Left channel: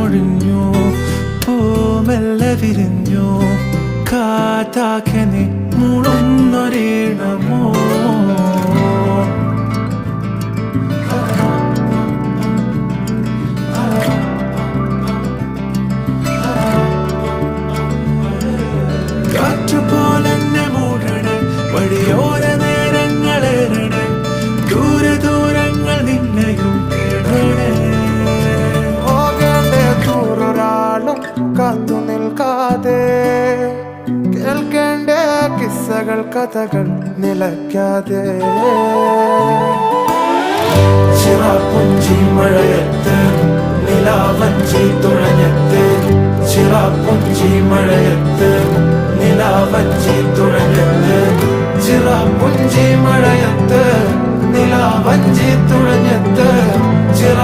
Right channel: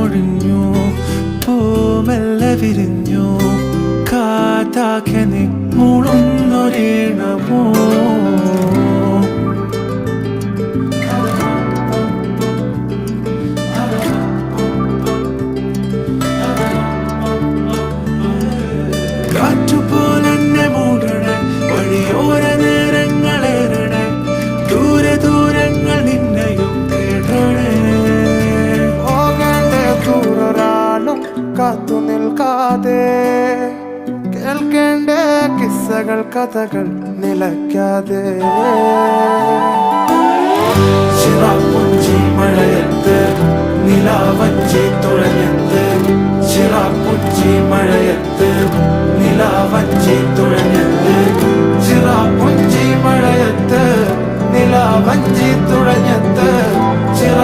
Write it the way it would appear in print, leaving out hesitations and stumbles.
മൊഴിഞ്ഞു പൂമെല്ലെ വിരിഞ്ഞു കാറ്റാകെ നീ മൂളുന്നൊരീണമോ കാറ്റുപോലെന്നെ മൂടണേ വഴിയോര നേരങ്ങളേറണേ ദൂരെ ദൂരങ്ങൾ നിന്നെയും കേടണേ പോകേണ്ട ദൂരൊരാളും കാത്തു നിൽക്കാതെ കേൾക്കേണ്ട കിസ്സകൾ കഥകൾ നിലയ്ക്കാതെ ചിറാപ്പുഞ്ചി മഴയത്ത് നിലാവഞ്ചി തുഴഞ്ഞത്ത് ചിറാപ്പുഞ്ചി മഴയത്ത് നിലാവഞ്ചി തുഴഞ്ഞത്ത് ചിറാപ്പുഞ്ചി മഴയത്ത് നിലാവഞ്ചി തുഴഞ്ഞത്ത് ചിറ